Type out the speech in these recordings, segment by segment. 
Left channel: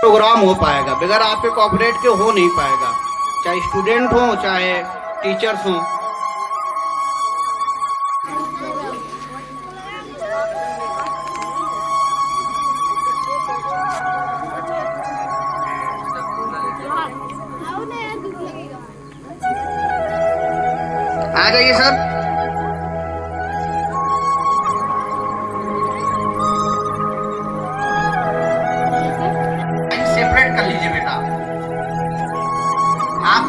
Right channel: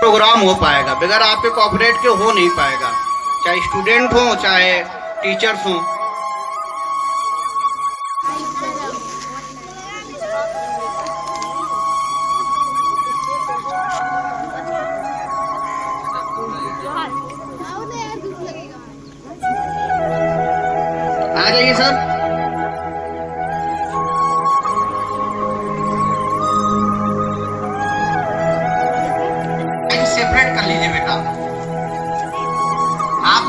Programme हो पाएगा। बगैर आपके कोऑपरेट के हो नहीं पाएगा, चाहे स्टूडेंट हो चाहे टीचर्स हो। आ जाइए सब, सेपरेट कर लीजिए बेटा। आप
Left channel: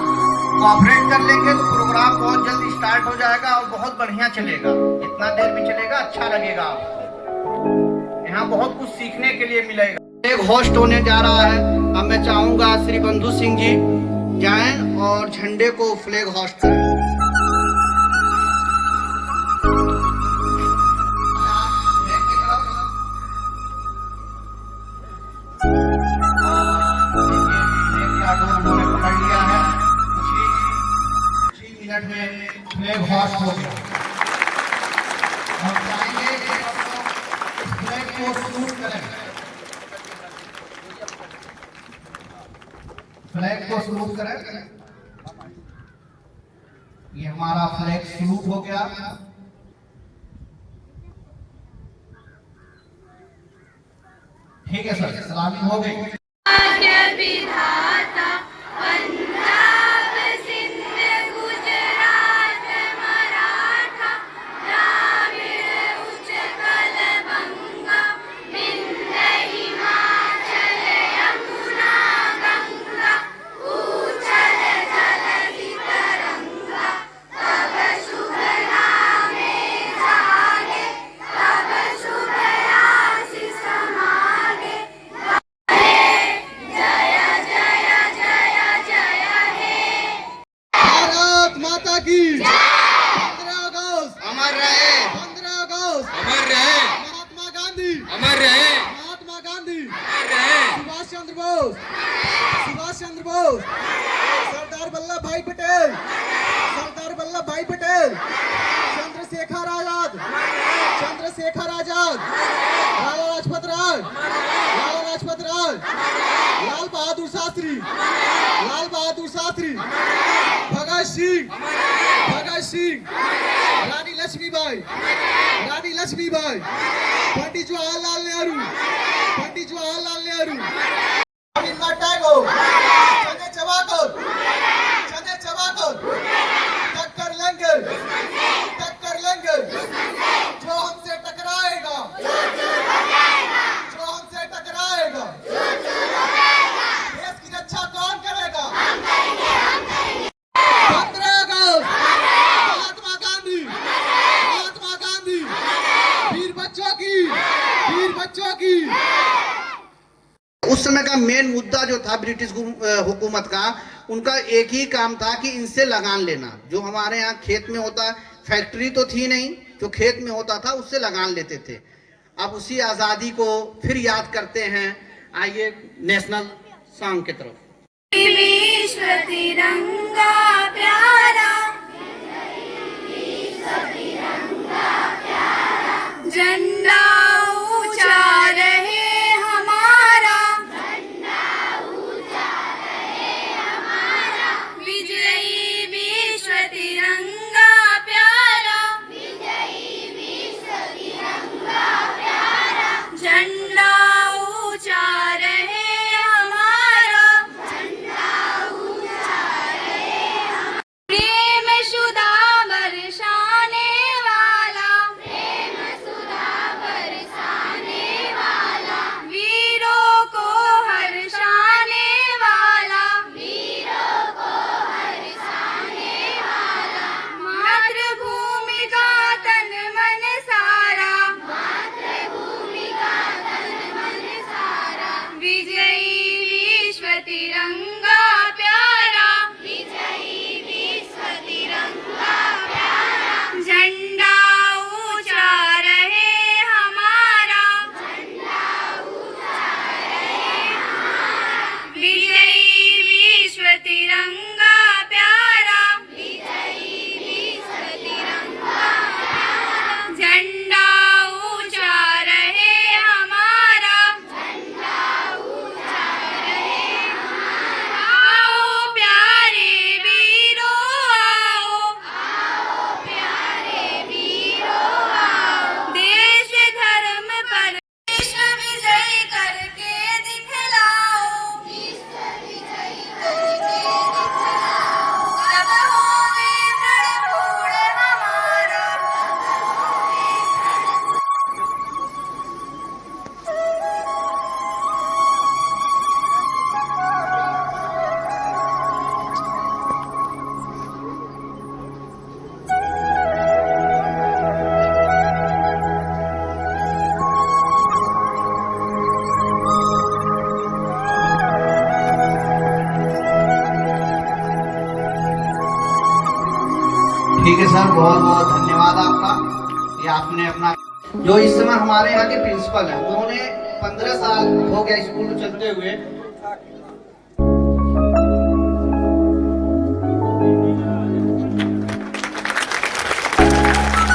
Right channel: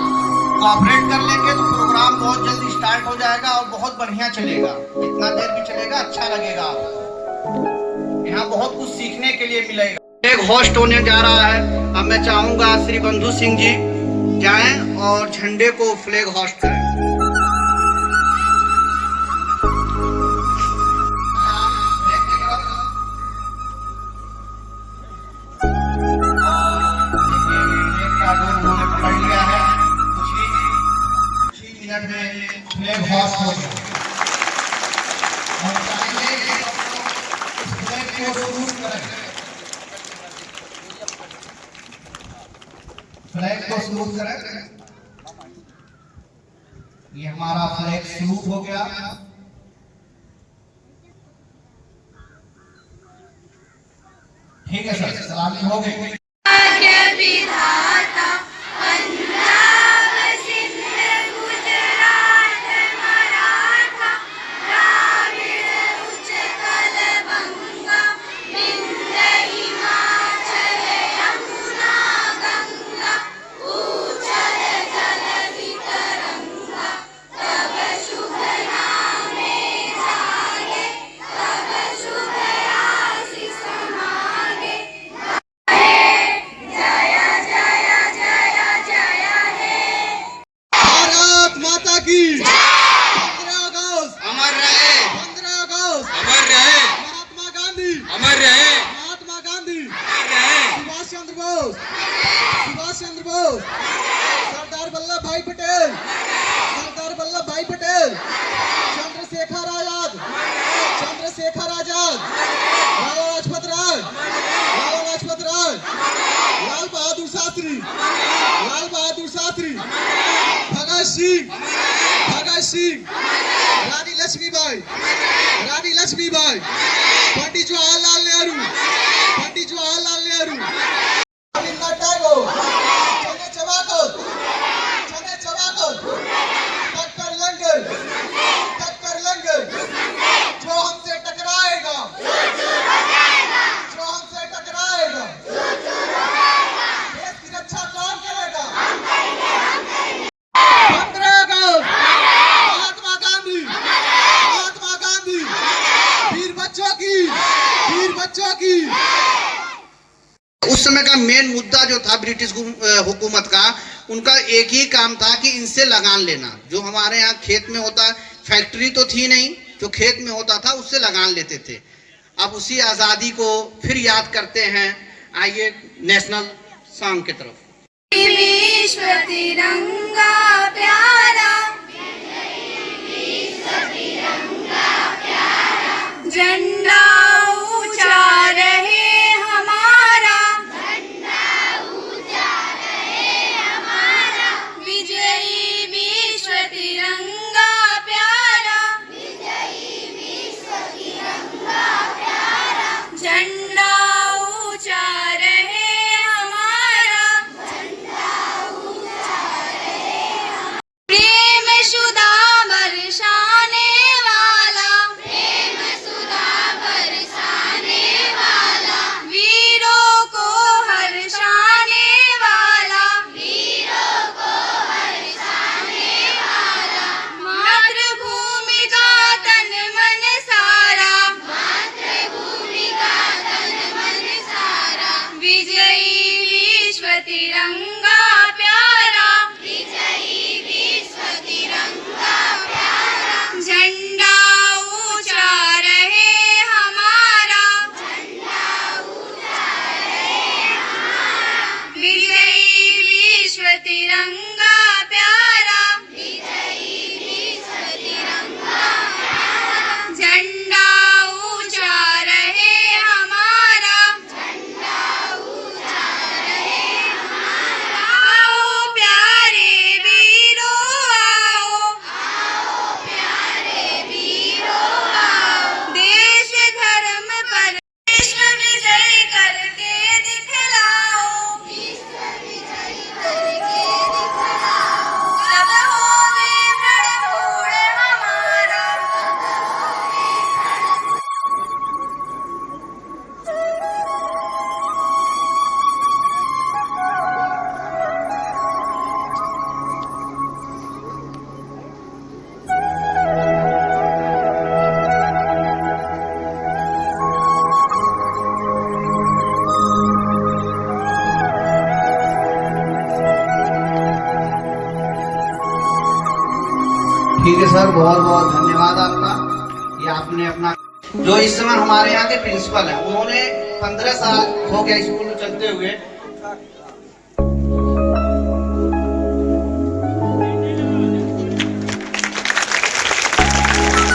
कोऑपरेट कर लेंगे तो प्रोग्राम बहुत जल्दी स्टार्ट हो जाएगा और बहुत बढ़िया चलेगा। जितना देर भी चलेगा अच्छा लगेगा आपको। यहाँ बहुत कुछ सीखने के लिए मिलेगा। एक होस्ट होने जा रहा है। अब मैं चाहूंगा श्री बंधु सिंह जी जाएं और झंडे को फ्लैग होस्ट करें। फ्लैग होस्ट हो गया। हम चाहेंगे कि फ्लैग को सलूट करें। फ्लैग को सलूट करें। ये हमारा फ्लैग सलूट हो गया। ठीक है सर, सलामी हो गई। सरदार वल्लभ भाई पटेल, सरदार वल्लभ भाई पटेल, चंद्रशेखर आजाद, चंद्रशेखर आजाद, लाला लाजपत राय, लाला लाजपत राय, लाल बहादुर शास्त्री, लाल बहादुर शास्त्री, भगत सिंह, भगत सिंह, रानी लक्ष्मीबाई, रानी लक्ष्मीबाई, पंडित जवाहरलाल नेहरू, पंडित जवाहरलाल नेहरू, रविंद्रनाथ टैगोर, चने चबाकर टक्कर लेंगे, जो हमसे टकराएगा, जो हमसे टकराएगा, देश की रक्षा कौन करेगा? 15 अगस्त, महात्मा गांधी, वीर बच्चों की। उस समय का मेन मुद्दा जो था ब्रिटिश हुकूमत का, उनका एक ही काम था कि इनसे लगान लेना। जो हमारे यहाँ खेत में होता, फैक्ट्री तो थी नहीं, जो खेत में होता था उससे लगान लेते थे। अब उसी आज़ादी को फिर याद करते हैं। आइए नेशनल सॉन्ग की तरफ। विश्व तिरंगा प्यारा, झंडा ऊंचा रहे ठीक है सर, बहुत बहुत धन्यवाद आपका कि आपने अपना, जो इस समय हमारे यहाँ के प्रिंसिपल हैं, उन्होंने 15 साल हो गया स्कूल चलते हुए।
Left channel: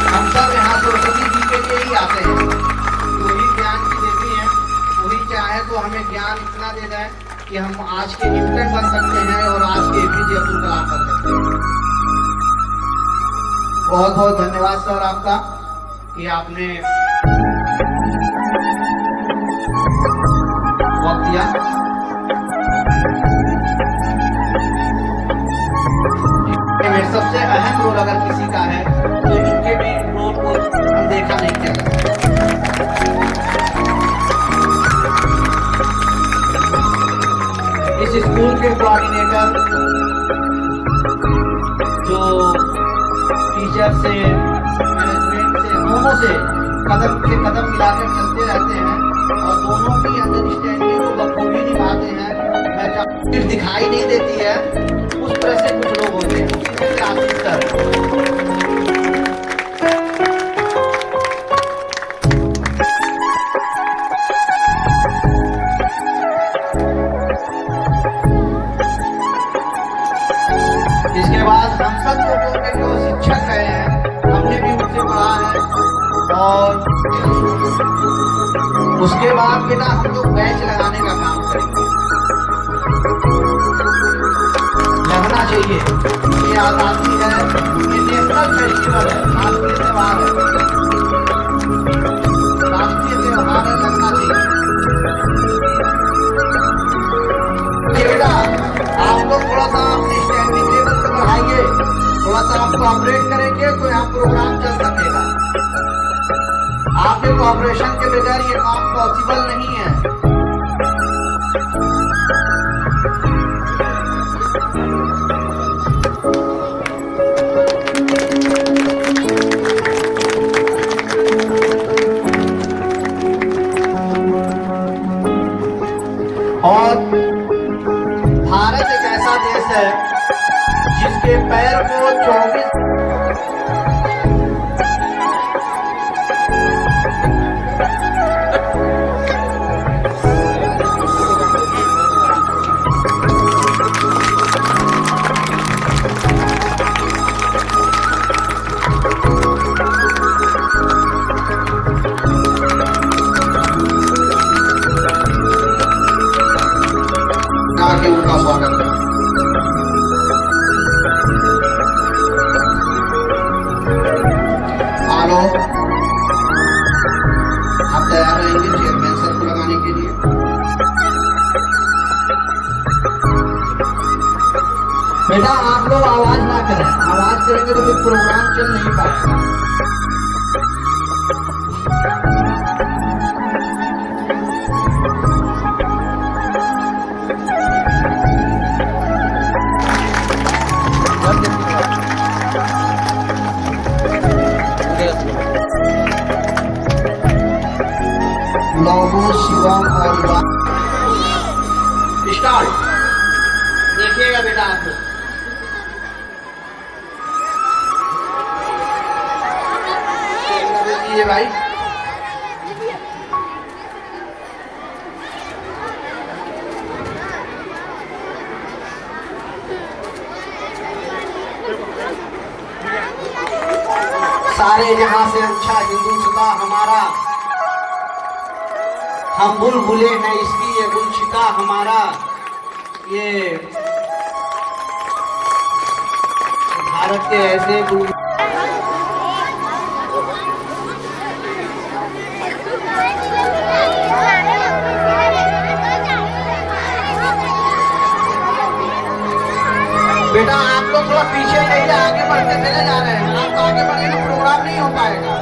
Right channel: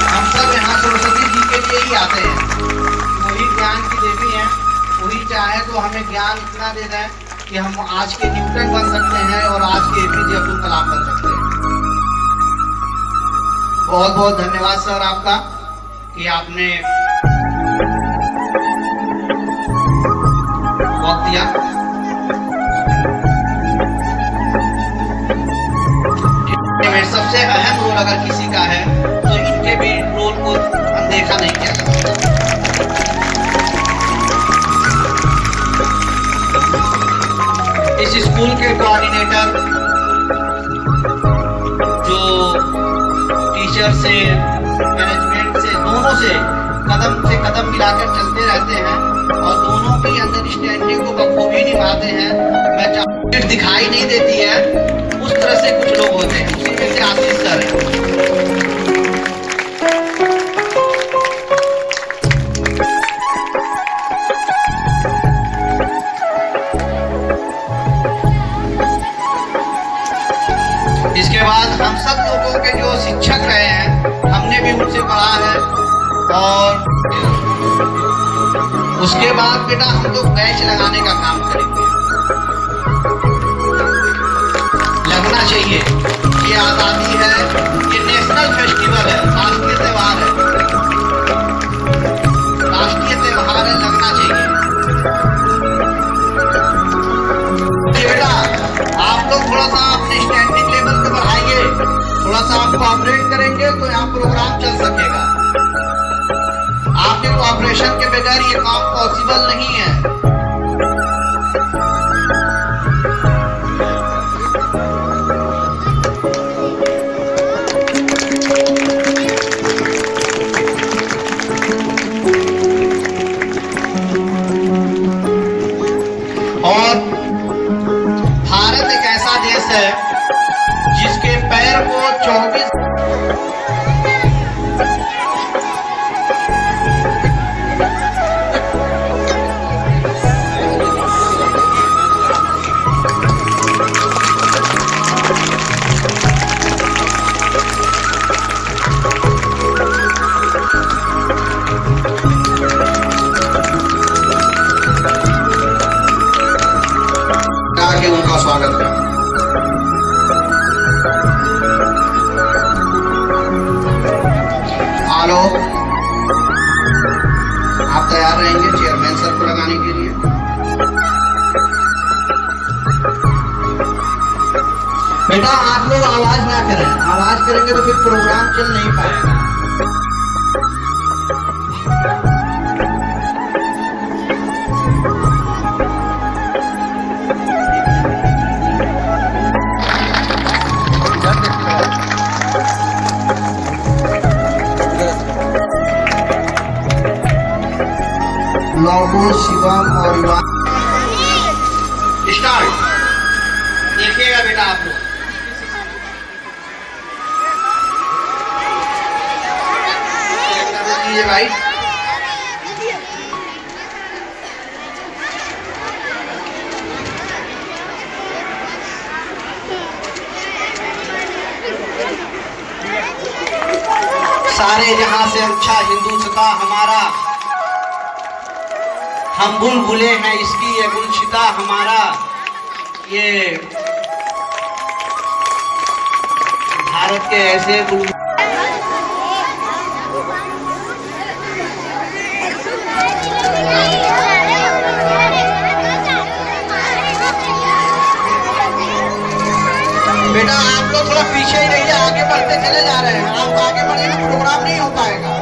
हम सब यहाँ सरस्वती जी के लिए ही आते हैं, वही ज्ञान की देवी हैं, वही चाहे तो हमें ज्ञान इतना दे दें कि हम आज के न्यूटन बन सकते हैं और आज के एपीजे अब्दुल कलाम बन सकते हैं। बहुत बहुत धन्यवाद सर आपका कि आपने वक्त दिया। सबसे अहम रोल अगर किसी का है तो इनके भी रोल को अनदेखा नहीं किया जा सकता। इस स्कूल के कोऑर्डिनेटर जो टीचर से मैनेजमेंट से दोनों से कदम मिलाकर चलते रहते हैं और दोनों की अंडरस्टैंडिंग को बखूबी निभाते हैं। मैं दिखाई नहीं देती है, उस तरह से कुछ लोग होते हैं, उसी में से आशीष सर है। इसके बाद हम सब लोगों के जो शिक्षक रहे हैं, हमने भी उनसे पढ़ा है। और उसके बाद बेटा हम लोग बैच लगाने का काम करेंगे। लगना चाहिए कि आजादी है, ये नेशनल फेस्टिवल है, राष्ट्रीय त्योहार है, राष्ट्रीय त्योहार है, लगना चाहिए। बेटा आप लोग थोड़ा सा अपने स्टैंडिंग लेवल को बढ़ाइए, थोड़ा सा आप कोऑपरेट करेंगे तो यहाँ प्रोग्राम चल सकेगा। आपके कोऑपरेशन के बगैर ये काम पॉसिबल नहीं है। और भारत एक ऐसा देश है जिसके पैर को 24 के उनका स्वागत है। हेलो, आप तैयार रहेंगे चेयरमैन सर को लगाने के लिए? बेटा आप लोग आवाज ना करें, आवाज करेंगे तो फिर प्रोग्राम चल नहीं पाएगा। लौगो शिवम और स्टार्ट। देखिएगा बेटा आप लोग, लीजिए भाई। सारे जहां से अच्छा हिंदुस्तां हमारा, हम बुलबुले हैं इसकी ये गुलशिता हमारा। ये भारत के ऐसे बुलबुल बेटा आप लोग थोड़ा पीछे ही रहिए, आगे बढ़ते चले जा रहे हैं। आप आगे बढ़ेंगे प्रोग्राम नहीं हो पाएगा।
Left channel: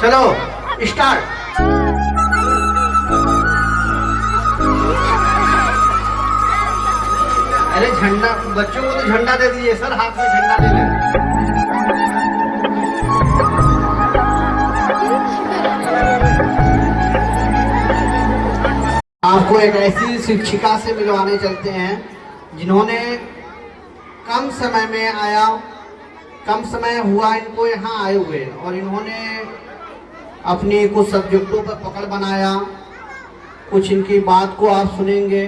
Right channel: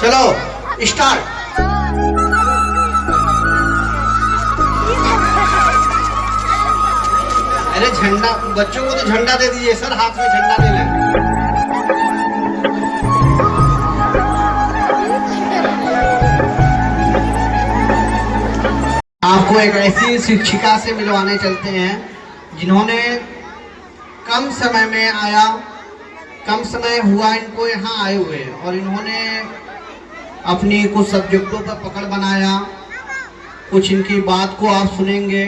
चलो स्टार्ट। अरे झंडा, बच्चों को तो झंडा दे दीजिए सर, हाथ में झंडा दे लें। आपको एक ऐसी शिक्षिका से मिलवाने चलते हैं जिन्होंने कम समय में आया, कम समय हुआ इनको यहाँ आए हुए, और इन्होंने अपनी कुछ सब्जेक्टों पर पकड़ बनाया। कुछ इनकी बात को आप सुनेंगे,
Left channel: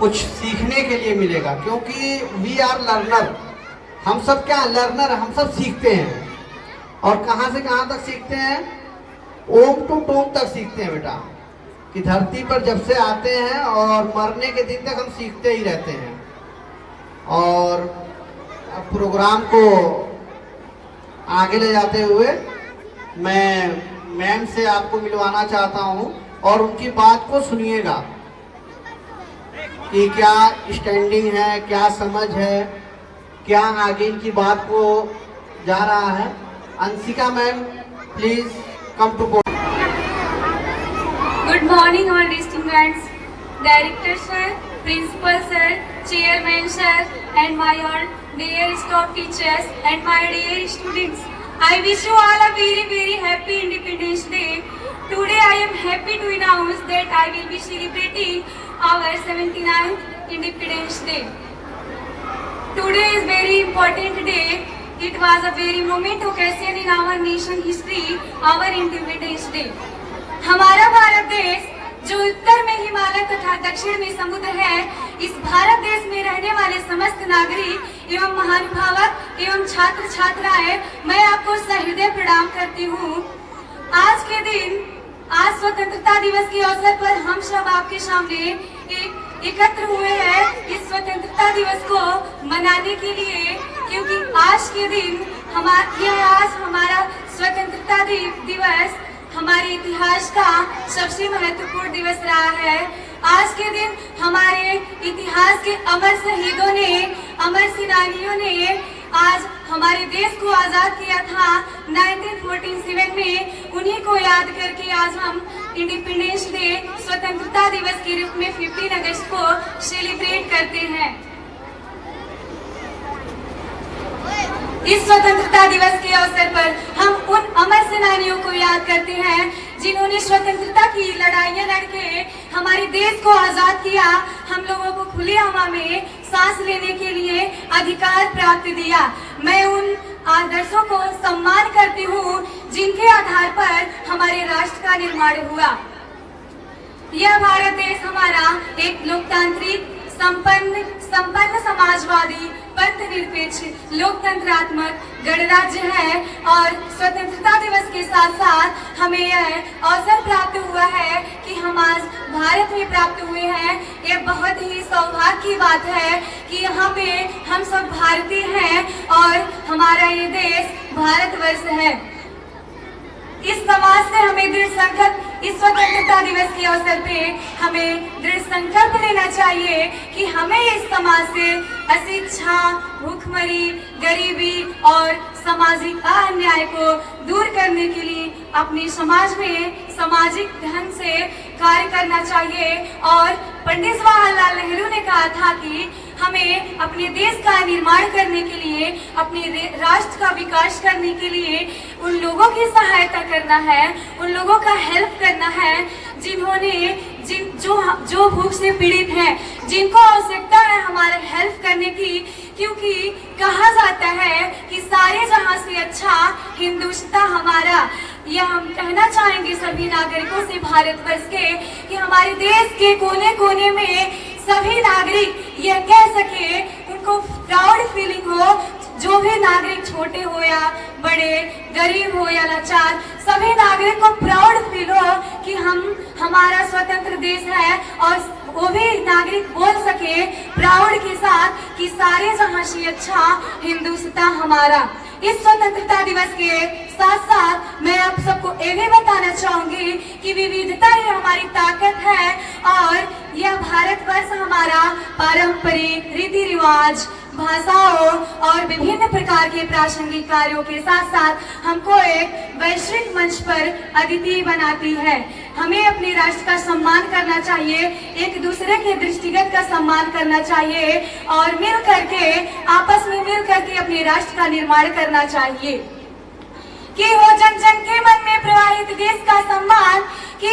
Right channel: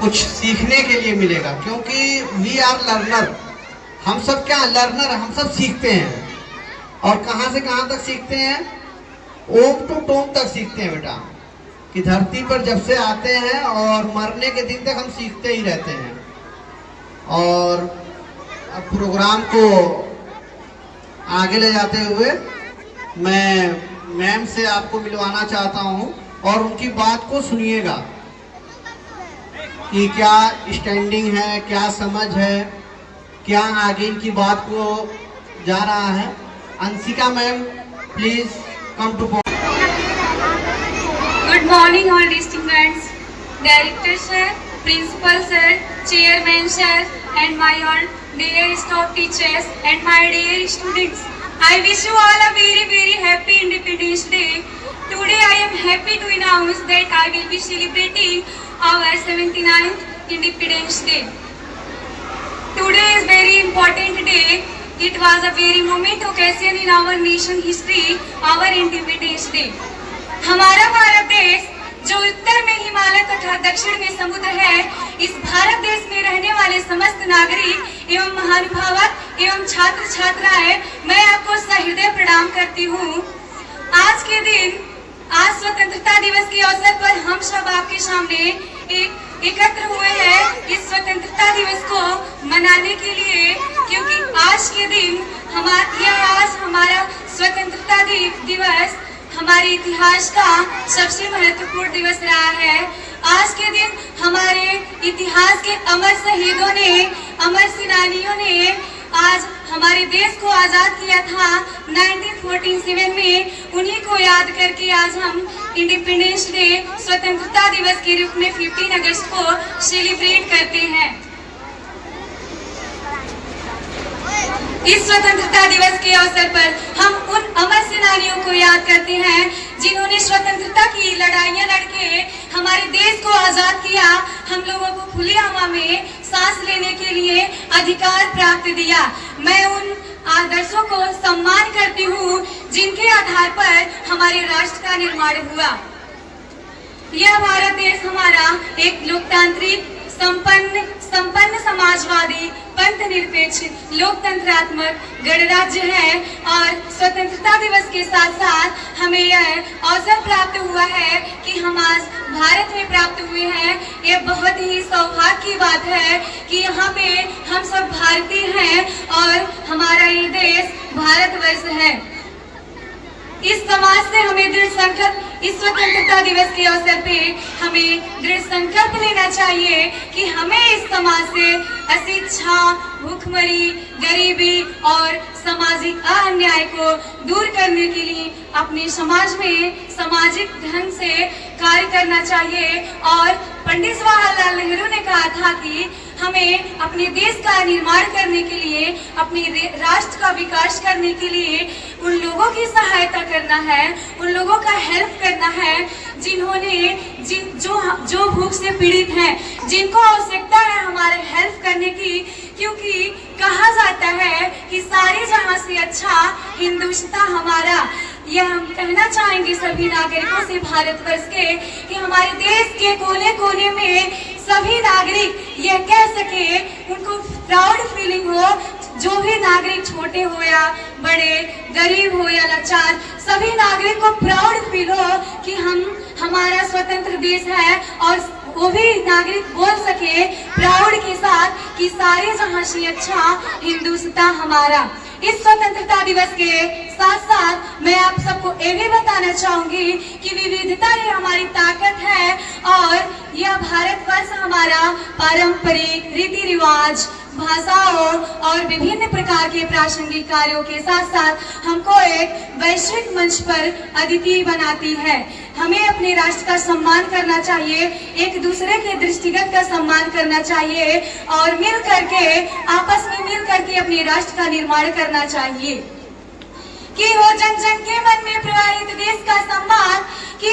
कुछ सीखने के लिए मिलेगा, क्योंकि वी आर लर्नर। हम सब क्या लर्नर, हम सब सीखते हैं। और कहाँ से कहाँ तक सीखते हैं? ओम टू टोम तक सीखते हैं बेटा, कि धरती पर जब से आते हैं और मरने के दिन तक हम सीखते ही रहते हैं। और अब प्रोग्राम को आगे ले जाते हुए मैं मैम से आपको मिलवाना चाहता हूँ, और उनकी बात को सुनिएगा कि क्या स्टैंडिंग है, क्या समझ है, क्या आगे इनकी बात को जा रहा है। Anshika ma'am, please come two point. Good morning all distinguished Director sir, Principal sir, Chairman sir and my all dear staff teachers and my dear students. I wish you all a very happy Independence Day. Today I am happy to announce that I will be celebrating our 79th Independence Day. Today is very important day. It was a very moment occasion in our nation history, our Independence Day. हमारा भारत देश जो उत्तर में हिमालय तथा दक्षिण में समुद्र है, इस भारत देश में रहने वाले समस्त नागरिक एवं महानुभावक एवं छात्र छात्राएं, मैं आपको सहृदय प्रणाम करती हूँ। आज के दिन, आज स्वतंत्रता दिवस के अवसर पर हम सब आपके सामने एकत्र हुए हैं इस स्वतंत्रता दिवस को मनाने के लिए, क्योंकि आज के दिन आज हमारा स्वतंत्रता दिवस हमारे इतिहास का सबसे महत्वपूर्ण दिवस रहा है। आज के दिन हमारे इतिहास के अमर शहीदों ने, अमर सेनानियों ने आज हमारे देश को आजाद किया था 1947 में। उन्हीं को याद करके आज हम इंडिपेंडेंस डे, स्वतंत्रता दिवस के रूप में 15 अगस्त को सेलिब्रेट करते हैं। इस स्वतंत्रता दिवस के अवसर पर हम उन अमर सेनानियों को याद करते हैं जिन्होंने स्वतंत्रता की लड़ाइयां लड़के हमारे देश को आजाद किया, हम लोगों को खुली हवा में सांस लेने के लिए अधिकार प्राप्त दिया। मैं उन आदर्शों को सम्मान करती हूँ जिनके आधार पर हमारे राष्ट्र का निर्माण हुआ। यह भारत देश हमारा एक लोकतांत्रिक, संपन्न समाजवादी, पंथ निरपेक्ष, लोकतंत्रात्मक गणराज्य है। और स्वतंत्रता दिवस के साथ साथ हमें यह अवसर प्राप्त हुआ है कि हम आज भारत में प्राप्त हुए हैं। ये बहुत ही सौभाग्य की बात है कि यहाँ पे हम सब भारतीय हैं और हमारा ये देश भारतवर्ष है। इस समाज से हमें दृढ़ संकल्प, इस स्वतंत्रता दिवस के अवसर पे हमें दृढ़ संकल्प लेना चाहिए कि हमें इस समाज से अशिक्षा, भूखमरी, गरीबी और सामाजिक अन्याय को दूर करने के लिए अपने समाज में सामाजिक ढंग से कार्य करना चाहिए। और पंडित जवाहरलाल नेहरू ने कहा था कि हमें अपने देश का निर्माण करने के लिए, अपने राष्ट्र का विकास करने के लिए उन लोगों की सहायता करना है, उन लोगों का हेल्प करना है जिन्होंने जो भूख से पीड़ित हैं, जिनको आवश्यकता है हमारे हेल्प करने की। क्योंकि कहा जाता है कि सारे जहां से अच्छा हिंदुस्तान हमारा। यह हम कहना चाहेंगे सभी नागरिकों से भारतवर्ष के कि हमारे देश के कोने कोने में सभी नागरिक यह कह सके, उनको प्राउड फीलिंग हो, जो भी नागरिक छोटे हो या बड़े, गरीब हो या लाचार, सभी नागरिक को प्राउड फील हो कि हमारा स्वतंत्र देश है। और वो भी नागरिक बोल सके प्राउड के साथ कि सारे जहां से अच्छा हिंदुस्तान हमारा। इस स्वतंत्रता दिवस के साथ साथ मैं आप सबको ये भी बताना चाहूंगी कि विविधता ही हमारी ताकत है। और यह भारतवर्ष हमारा पारंपरिक रीति रिवाज, भाषाओं और विभिन्न प्रकार के प्रासंगिक कार्यों के साथ साथ हमको एक वैश्विक मंच पर अद्वितीय बनाती है। हमें अपने राष्ट्र का सम्मान करना चाहिए, एक दूसरे के दृष्टिगत का सम्मान करना चाहिए और मिल करके आपस में मिल करके अपने राष्ट्र का निर्माण करना चाहिए। कि हो जन जन के मन में प्रवाहित देश का सम्मान, कि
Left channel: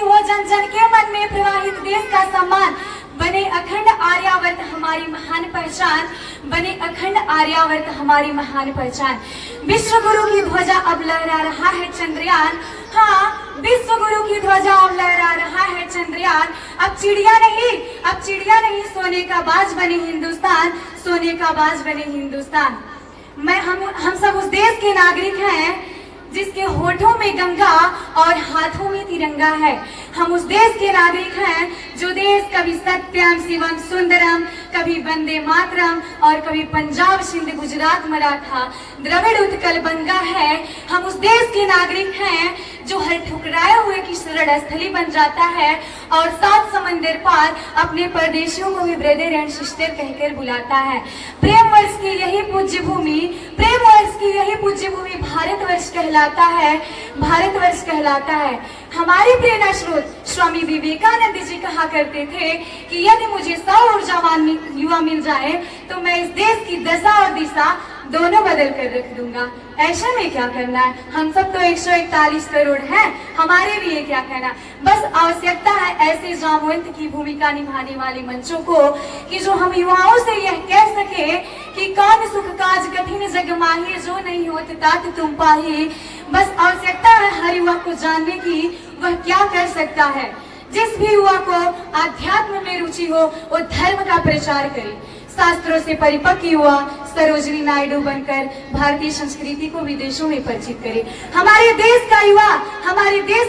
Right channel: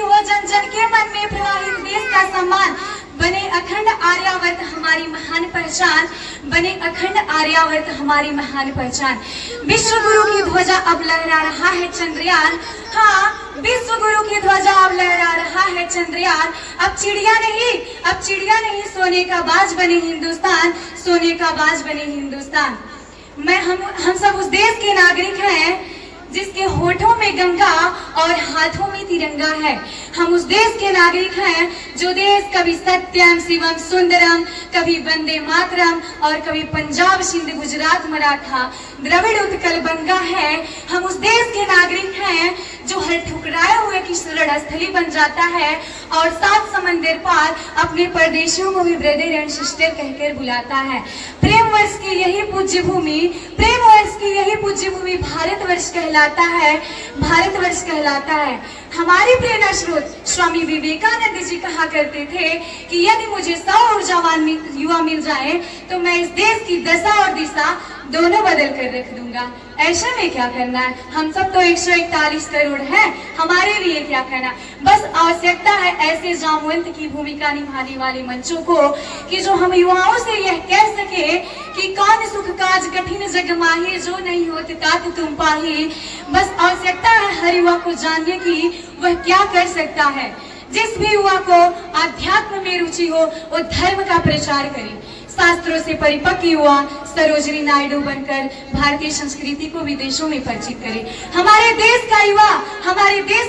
हो जन जन के मन में प्रवाहित देश का सम्मान, बने अखंड आर्यावर्त हमारी महान पहचान, बने अखंड आर्यावर्त हमारी महान पहचान। विश्व गुरु की ध्वजा अब लहरा रहा है चंद्रयान, हाँ विश्व गुरु की ध्वजा अब लहरा रहा है चंद्रयान। अब चिड़िया नहीं सोने का बाज बने हिंदुस्तान, सोने का बाज बने हिंदुस्तान। हम सब उस देश के नागरिक हैं जिसके होठों में गंगा और हाथों में तिरंगा है। हम उस देश के नागरिक हैं जो देश कभी सत्यम शिवम सुंदरम, कभी वंदे मातरम और कभी पंजाब सिंध गुजरात मराठा द्रविड़ उत्कल बंगा है। हम उस देश के नागरिक हैं जो हर ठुकराए हुए की शरण स्थली बन जाता है और 7 समंदर पार अपने परदेशियों को भी ब्रदर एंड सिस्टर कहकर बुलाता है। प्रेम वर्ष की यही पूज्य भूमि, प्रेम वर्ष की यही पूज्य भूमि भारतवर्ष कहलाता है, भारतवर्ष कहलाता है। हमारे प्रेरणा स्रोत स्वामी विवेकानंद जी कहा करते थे कि यदि मुझे 100 ऊर्जावान युवा मिल जाए तो मैं इस देश की दशा और दिशा दोनों बदल कर रख दूंगा। ऐसे में क्या करना है, हम सब तो 141 करोड़ हैं, हमारे लिए क्या करना, बस आवश्यकता है ऐसे जामवंत की भूमिका निभाने वाले मंचों को कि जो हम युवाओं से यह कह सके कि कौन सुख काज कठिन जग माही, जो नहीं होते तात तुम पाही। बस आवश्यकता है हर युवा को जानने की वह क्या कर सकता है। जिस भी युवा को आध्यात्म में रुचि हो वो धर्म का प्रचार करे, शास्त्रों से परिपक्व युवा सरोजिनी नायडू बनकर भारतीय संस्कृति को विदेशों में परिचित करे। हमारे देश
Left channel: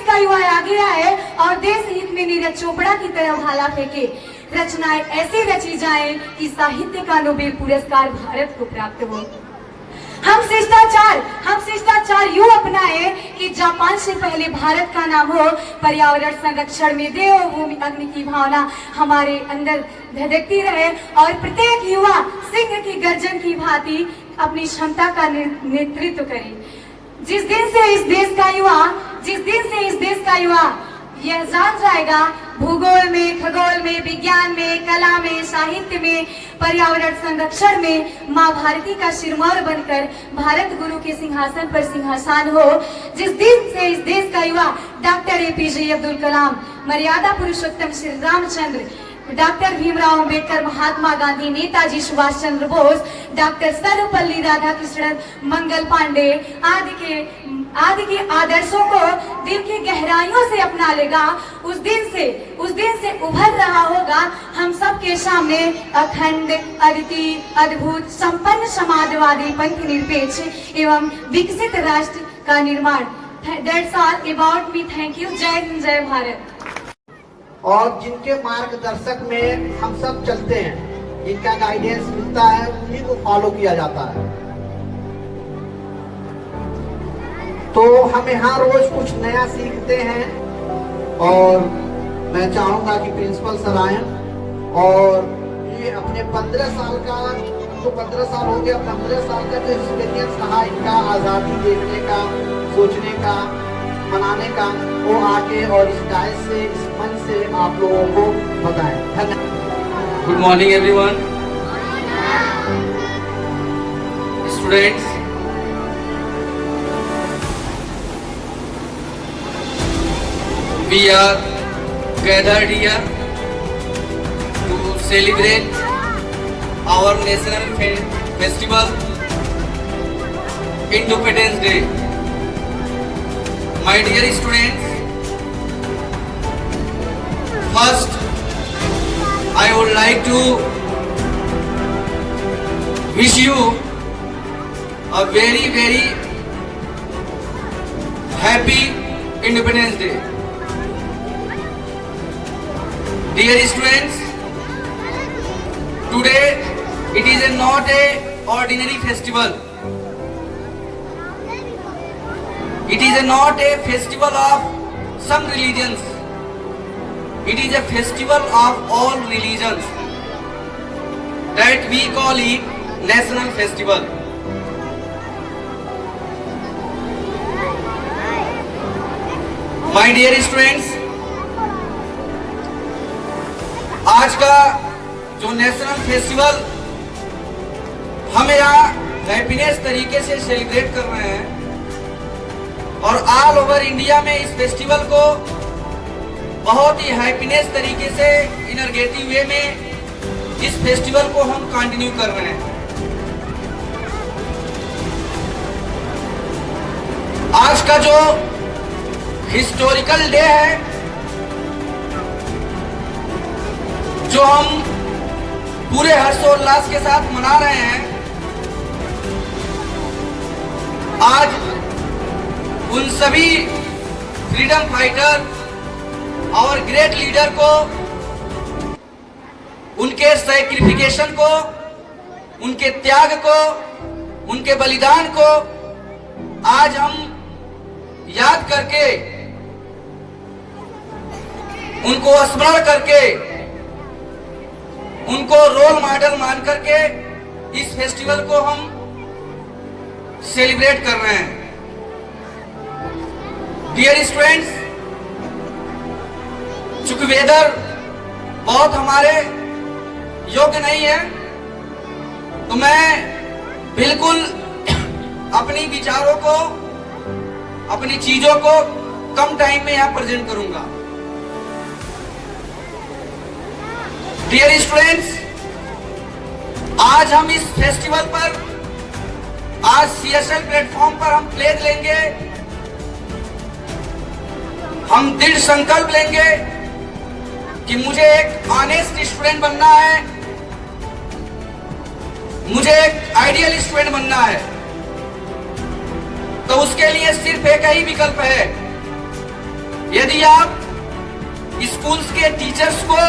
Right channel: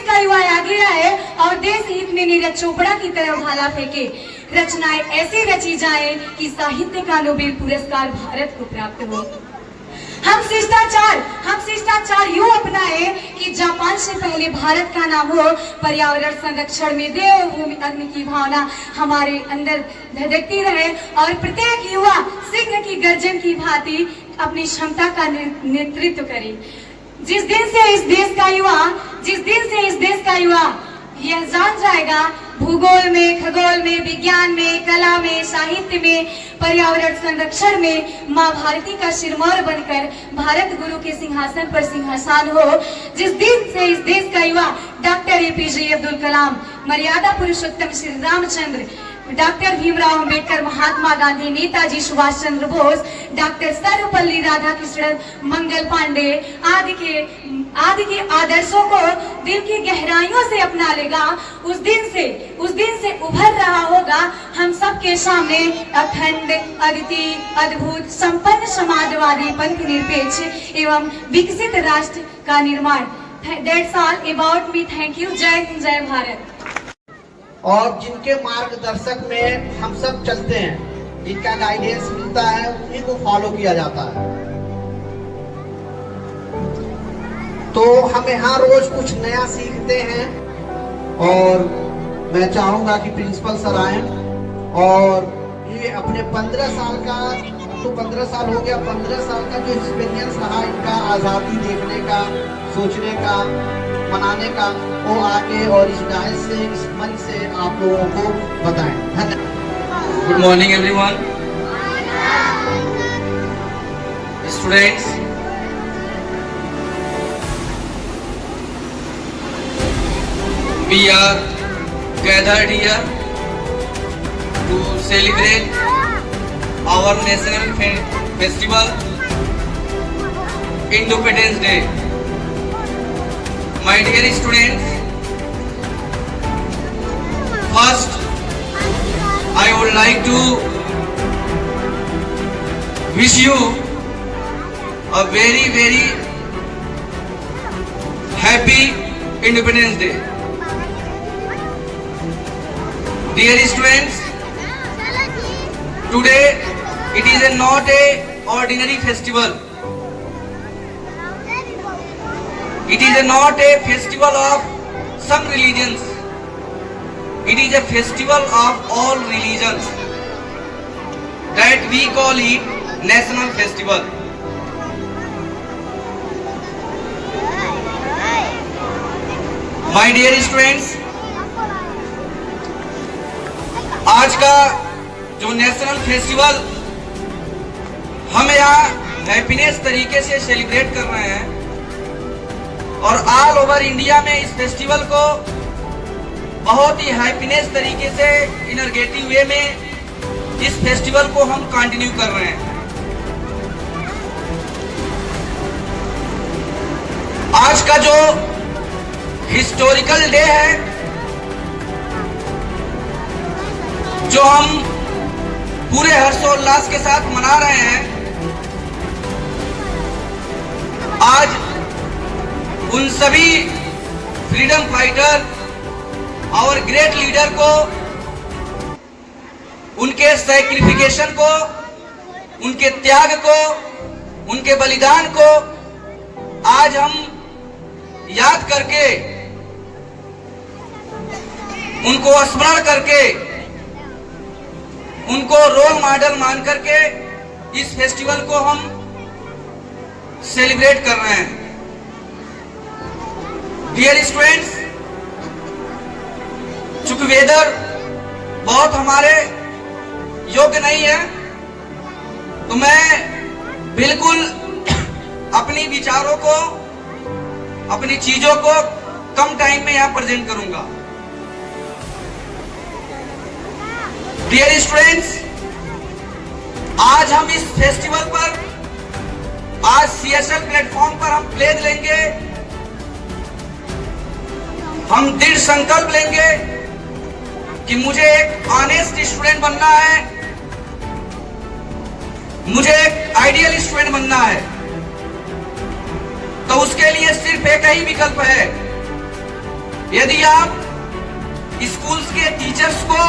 का युवा आगे आए और देश हित में नीरज चोपड़ा की तरह भाला फेंके। रचनाएं ऐसी रची जाए कि साहित्य का नोबेल पुरस्कार भारत को प्राप्त हो। हम शिष्टाचार यूं अपनाए कि जापान से पहले भारत का नाम हो। पर्यावरण संरक्षण में देवभूमि अग्नि की भावना हमारे अंदर धधकती रहे और प्रत्येक युवा सिंह की गर्जन की भांति अपनी क्षमता का नेतृत्व करे। जिस दिन से इस देश का युवा यह जान जाएगा भूगोल में, खगोल में, विज्ञान में, कला में, साहित्य में, पर्यावरण संरक्षण में माँ भारती का सिरमौर बनकर भारत गुरु के सिंहासन पर सिंहासन हो। जिस दिन से इस देश का युवा डॉक्टर APJ अब्दुल कलाम, मर्यादा पुरुषोत्तम श्री रामचंद्र, डॉक्टर भीमराव अम्बेडकर, महात्मा गांधी, नेताजी सुभाष चंद्र बोस, डॉक्टर सर्वपल्ली राधाकृष्णन, मंगल पांडे आदि के आदर्शों को दिल की गहराइयों से अपना लेगा, उस दिन से उभर रहा होगा हम सबके सामने अखंड, अद्वितीय, अद्भुत, संपन्न, समाजवादी, पंथ निरपेक्ष एवं विकसित राष्ट्र का निर्माण। That's all about me. Thank you. जय हिंद, जय भारत। और जिनके मार्गदर्शक में हम सब चलते हैं, जिनका गाइडेंस मिलता है, उन्हीं को फॉलो किया जाता है। तो हम यहाँ रोज कुछ नया सीखते हैं और मैं चाहूंगा कि प्रिंसिपल सर आए और ये अपने 15 साल का, तो 15 साल हो गया, 15 साल का जो एक्सपीरियंस रहा इनका आज़ादी देखने का, सोचने का, मनाने का, वो आके और इस डायस से, इस मंच से आप लोगों को बताएं। धन्यवाद। Good morning everyone, students. We are gathered here to celebrate our national festival, Independence Day. My dear students, first I would like to wish you a very, very happy Independence Day. Dear students, today it is not a ordinary festival. It is not a festival of some religions. It is a festival of all religions that we call it national festival. My dear students, आज का जो national festival हम यहाँ happiness तरीके से celebrate कर रहे हैं और ऑल ओवर इंडिया में इस फेस्टिवल को बहुत ही हैप्पीनेस तरीके से इनर्गेटिव वे में इस फेस्टिवल को हम कंटिन्यू कर रहे हैं। आज का जो हिस्टोरिकल डे है, जो हम पूरे हर्षोल्लास के साथ मना रहे हैं, आज उन सभी फ्रीडम फाइटर और ग्रेट लीडर को, उनके सैक्रिफिकेशन को, उनके त्याग को, उनके बलिदान को आज हम याद करके, उनको स्मरण करके, उनको रोल मॉडल मान करके इस फेस्टिवल को हम सेलिब्रेट कर रहे हैं। डियर स्टूडेंट्स, चूंकि वेदर बहुत हमारे योग्य नहीं है, तो मैं बिल्कुल अपनी विचारों को, अपनी चीजों को कम टाइम में यहां प्रेजेंट करूंगा। डियर स्टूडेंट्स, आज हम इस फेस्टिवल पर, आज CSL प्लेटफॉर्म पर हम प्लेज लेंगे, हम दृढ़ संकल्प लेंगे कि मुझे एक ऑनेस्ट स्टूडेंट बनना है, मुझे एक आइडियल स्टूडेंट बनना है। तो उसके लिए सिर्फ एक ही विकल्प है। यदि आप स्कूल्स के टीचर्स को,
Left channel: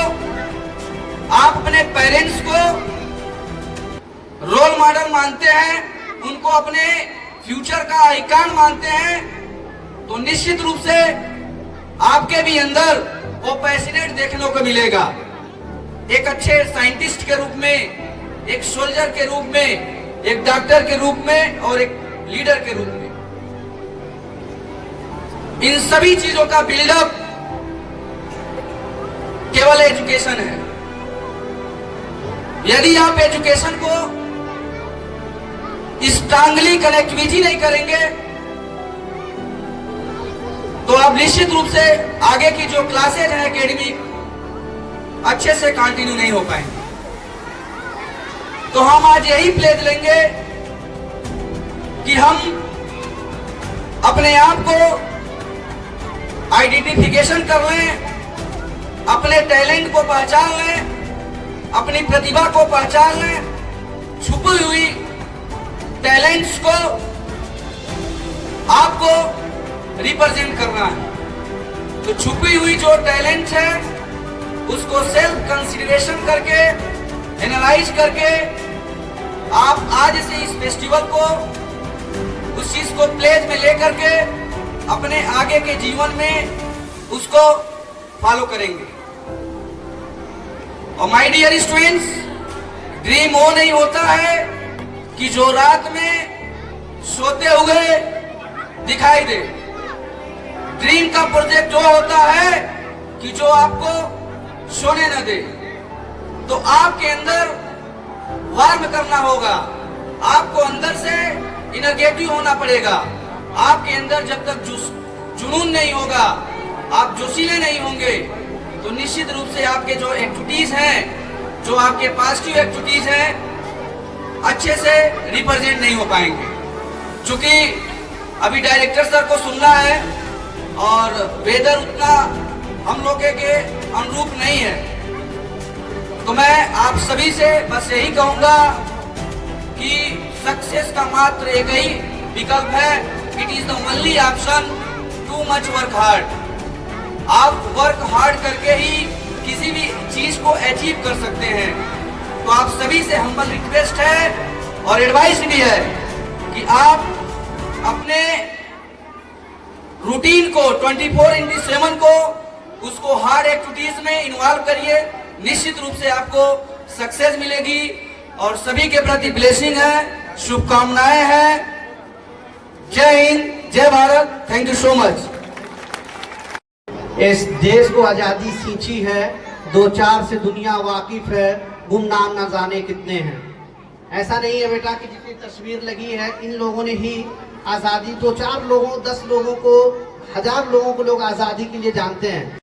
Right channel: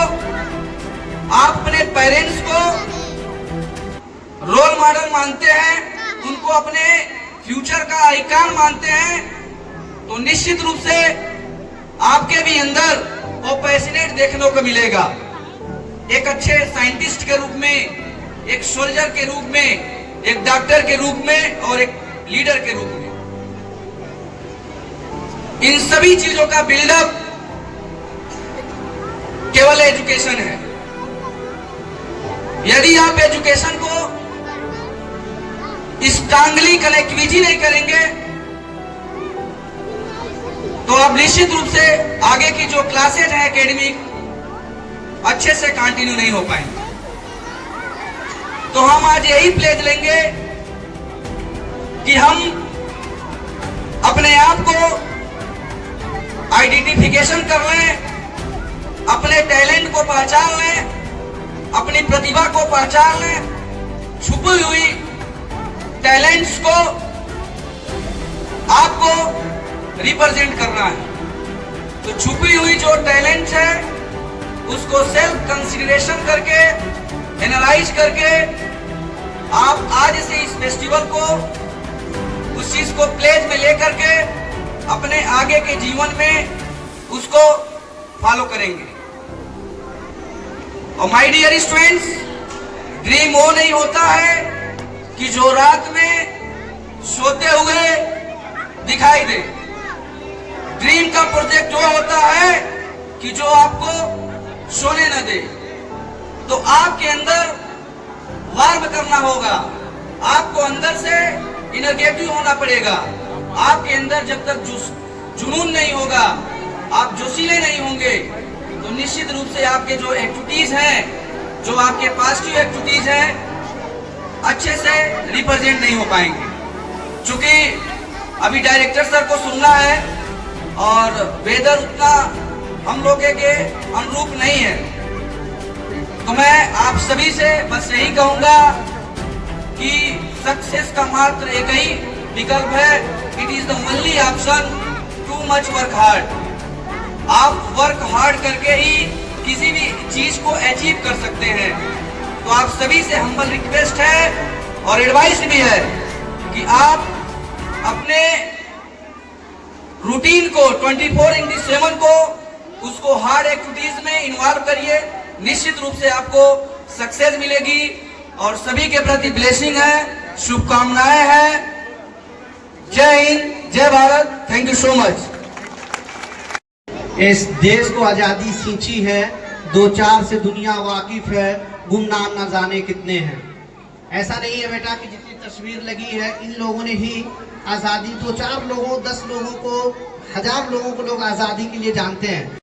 आप अपने पेरेंट्स को रोल मॉडल मानते हैं, उनको अपने फ्यूचर का आइकन मानते हैं, तो निश्चित रूप से आपके भी अंदर वो पैशनेट देखने को मिलेगा। एक अच्छे साइंटिस्ट के रूप में, एक सोल्जर के रूप में, एक डॉक्टर के रूप में और एक लीडर के रूप में। इन सभी चीजों का बिल्डअप केवल एजुकेशन है। यदि आप एजुकेशन को स्ट्रांगली कनेक्टिविटी नहीं करेंगे, तो आप निश्चित रूप से आगे की जो क्लासेज हैं एकेडमिक, अच्छे से कंटिन्यू नहीं हो पाएंगे। तो हम आज यही प्लेज लेंगे कि हम अपने आप को आइडेंटिफिकेशन कर लें, अपने टैलेंट को पहचान लें, अपनी प्रतिभा को पहचान लें, छुपी हुई टैलेंट्स को आपको रिप्रेजेंट करना है। तो छुपी हुई जो टैलेंट है, उसको सेल्फ कंसीडरेशन करके, एनालाइज करके, आप आज से इस फेस्टिवल को, उस चीज को प्लेज में लेकर के अपने आगे के जीवन में उसको फॉलो करेंगे। और माय डियर स्टूडेंट्स, ड्रीम वो नहीं होता है कि जो रात में सोते हुए दिखाई दे। ड्रीम का प्रोजेक्ट जो होता है कि जो आपको सोने न दे। तो आपके अंदर वार्म करना होगा, आपको अंदर से इनर्गेटिव होना पड़ेगा। आपके अंदर जब तक जुनून नहीं होगा, आप जोशीले नहीं होंगे, तो निश्चित रूप से आपके जो एक्टिविटीज हैं, जो आपके पॉजिटिव एक्टिविटीज हैं, अच्छे से रिप्रेजेंट नहीं हो पाएंगे। चूंकि अभी डायरेक्टर सर को सुनना है और वेदर उतना हम लोग के अनुरूप नहीं है, तो मैं आप सभी से बस यही कहूंगा कि सक्सेस का मात्र एक ही विकल्प है, it is the only option, too much work hard. आप वर्क हार्ड करके ही किसी भी चीज को अचीव कर सकते हैं। तो आप सभी से हम्बल रिक्वेस्ट है और एडवाइस भी है कि आप अपने रूटीन को 24/7 को उसको हार्ड एक्टिविटीज में इन्वॉल्व करिए। निश्चित रूप से आपको सक्सेस मिलेगी और सभी के प्रति ब्लेसिंग है, शुभकामनाएं हैं। जय हिंद, जय Bharat, thank you so much. इस देश को आज़ादी सींची है, 2-4 से दुनिया वाकिफ है, गुमनाम न जाने कितने हैं। ऐसा नहीं है बेटा कि जितनी तस्वीर लगी है इन लोगों ने ही आज़ादी, 2-4 लोगों, 10 लोगों को, 1000 लोगों को लोग आज़ादी के लिए जानते हैं।